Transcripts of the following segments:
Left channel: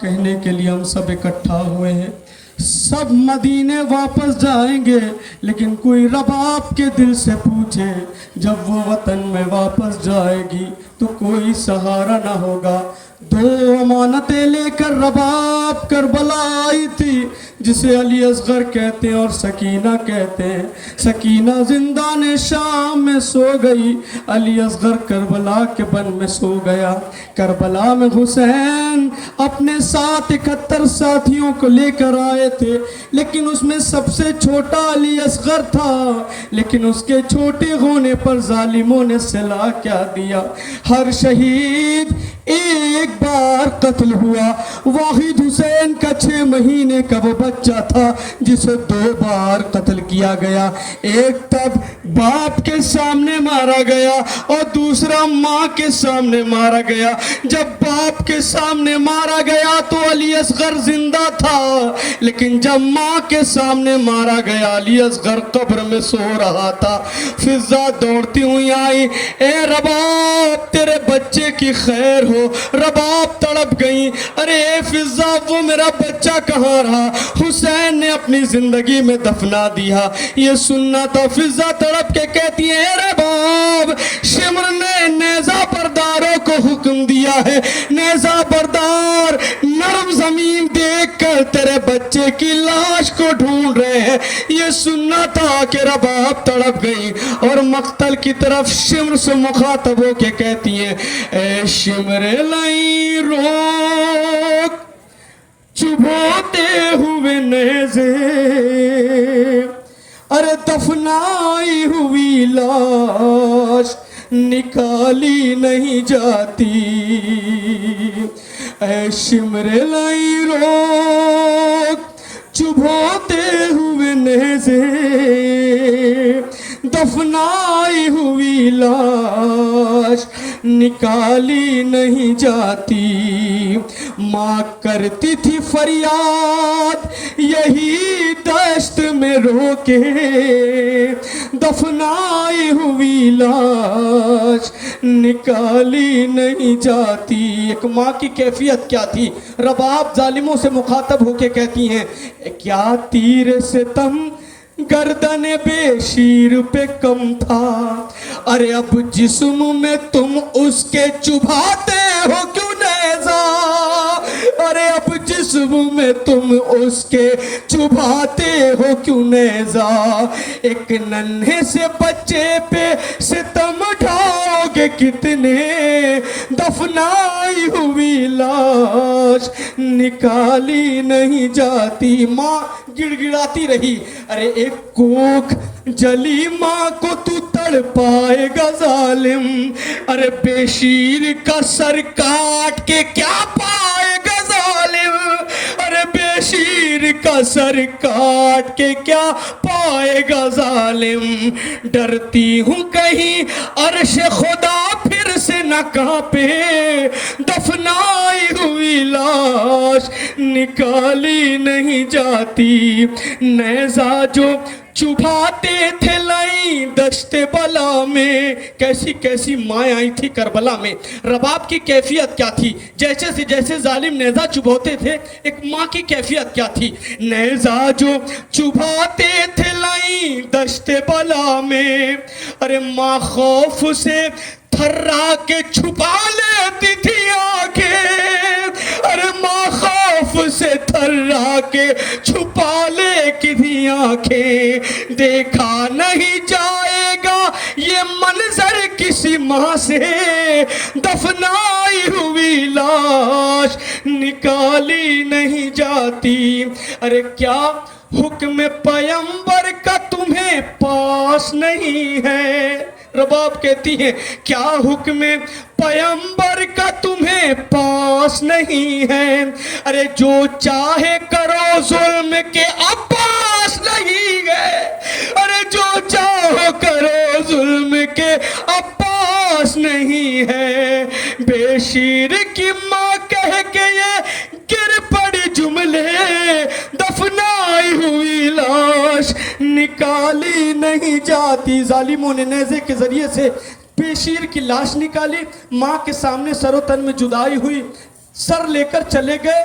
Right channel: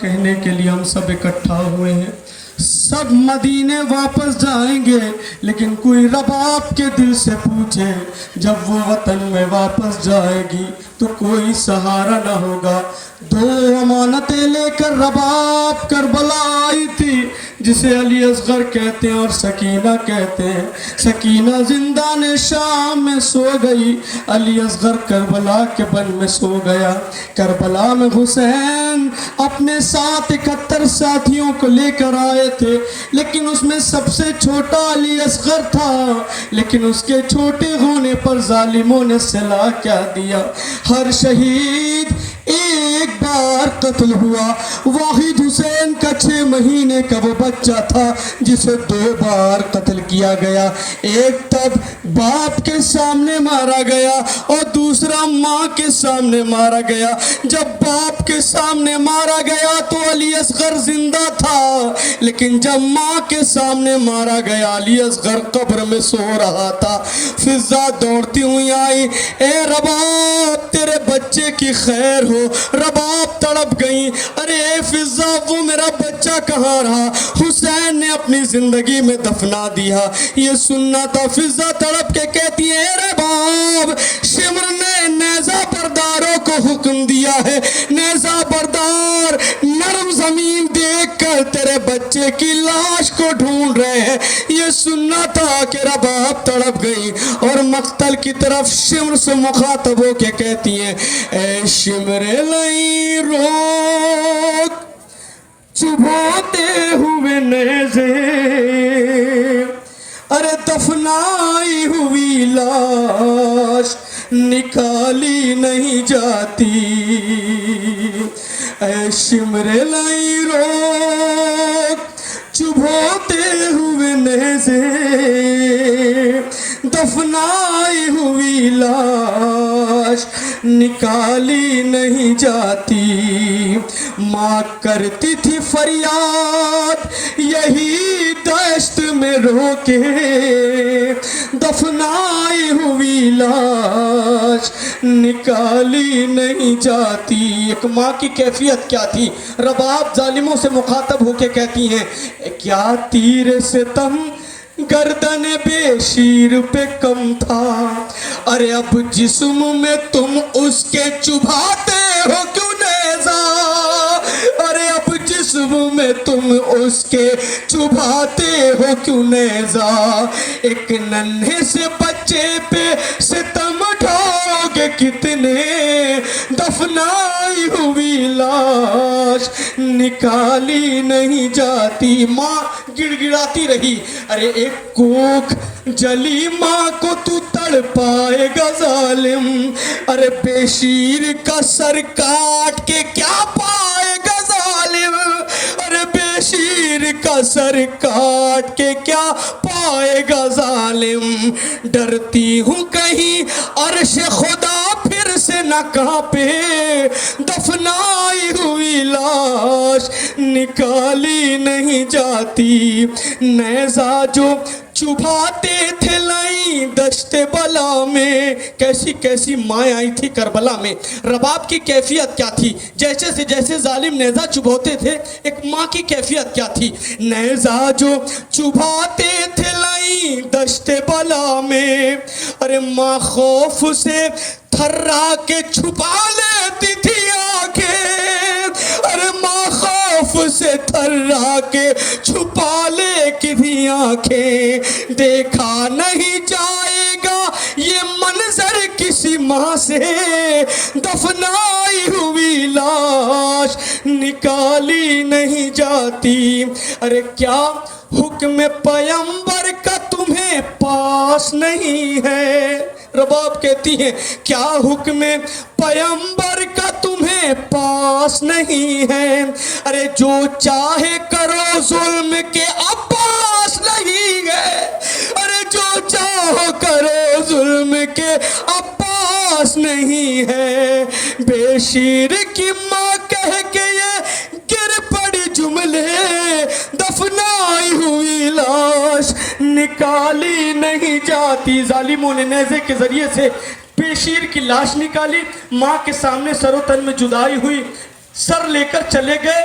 کہنے کے لیے ہم سب اکٹھا ہوئے ہیں، سب مدینے واپس جائیں گے، لیکن کوئی رباب کے دل سے پوچھے جب وہ وطن میں واپس جائے گی تو کوئی سہارا نہ ہوگا۔ دو امانتیں لے کر رباب کربلا آئی تھی، جسے علی اصغر کہتے ہیں اور سکینہ کہتے ہیں۔ سکینہ زندان شام میں سو گئی، علی اصغر کربلا کے بن میں سو گیا۔ کربلا میں حسین اپنے ساتھ 71 ساتھیوں کو لے کر آئے تھے، لیکن اس میں سب سے چھوٹا علی اصغر تھا، لیکن اس کے چھوٹے ہونے پر ظالموں نے صلاح کیا دیا، ہر شہید ایک بار قتل ہوا۔ واحد حسین کا 6 مہینے کا وہ بچہ تھا جسے 2 بار قتل کیا گیا، ایک تب باپ کے سامنے مارا گیا اور دوسرا ماں کے سامنے مارا گیا۔ جب باپ کے سامنے مارا گیا تو علی اصغر زندہ تھا، لیکن جب ماں کے سامنے مارا گیا علی اصغر قبر میں سو رہا تھا۔ فضا دوڑتی ہوئی آئی، اے رباب تیرے بچے کی خیر ہو۔ رباب تڑپ گئی، ارے اے فضا وہ میرا بچہ کہاں رہا؟ حسین نے اپنی زندگی میں دفنا دیا۔ یہ سننا تو فضا تڑپ کے کہتی ہے، اے رباب شمر نے نیزہ برداروں کو حکم دیا ہے، نیزہ بردار نرم زمین دیکھ کر تیرے بچے کی لاش کو ڈھونڈ رہے ہیں۔ یہ سننا تھا کہ رباب تڑپ گئی اور مقتل کی طرف شمر سے مخاطب ہو کے کہتی ہیں، اے شمر لئی روک چبھاتے ہوئے نیزے، ارے دفنائی ہوئی لاش نکالی نہیں جاتی۔ اے شمر لئی روک چبھاتے ہوئے نیزے، دفنائی ہوئی لاش نکالی نہیں جاتی۔ ماں کرتی تھی فریاد یہی دشت میں رو کے، دفنائی ہوئی لاش نکالی نہیں جاتی۔ ایک ماں کی کیفیت کیا تھی؟ رباب ظالموں سے مخاطب ہو کے کہتی ہیں، کیا تیر ستم گردن بے شیر پہ کم تھا، ارے اب جسم میں تم اس کے چبھاتے ہو کیوں نیزہ، ارے اب جسم میں تم اس کے چبھاتے ہو کیوں نیزہ۔ ایک ننھے سے بچے پہ ستم ڈھاؤ گے کتنے، دفنائی ہوئی لاش نکالی نہیں جاتی۔ ماں گڑ گڑاتی رہی، ارے ایک کوکھ جلی ماں کو تو تڑ پائے گا ظالم، ارے بے شیر کا سر کاٹ کے کیا پائے گا ظالم، ارے بے شیر کا سر کاٹ کے کیا پائے گا ظالم۔ ڈرتی ہوں کہیں عرش خدا پھر سے نہ کانپے، دفنائی ہوئی لاش نکالی نہیں جاتی۔ نیزہ جو چبھاتے تھے لئی دشت بلا میں، کیسی کیسی مائیں آئی تھی کربلا میں۔ رباب کی کیفیت کیا تھی؟ جیسے سے جیسے ظالم نیزہ چبھاتے تھے، ایک ماں کی کیفیت کیا تھی؟ نیزہ جو چبھاتے تھے لئی دشت بلا میں، ارے ماں خوف سے تھرا کے چھپا لیتی تھی آنکھیں، ارے ماں خوف سے تھرا کے چھپا لیتی تھی آنکھیں۔ دیکھا نہیں جائے گا یہ منظر کسی ماں سے، دفنائی ہوئی لاش نکالی نہیں جاتی۔ ارے کیا حکم پیغمبر کا تمہیں پاس نہیں ہے؟ رباب کہتی ہے، کیا حکم پیغمبر کا تمہیں پاس نہیں ہے؟ ارے جو چاہے کرو ظلم کے عباس نہیں ہے، ارے جو چاہو کرو ظلم کے عباس نہیں ہے۔ بے شیر کی ماں کہہ کے یہ گر پڑی جملے، دفنائی ہوئی لاش نکالی نہیں جاتی۔ ظالموں نے نیزے کے ذریعے سے بے شیر کی لاش نکالی، ماں کے سامنے سر و تن میں جدائی ہوئی، سر لے کر چلے گئے،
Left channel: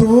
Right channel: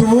2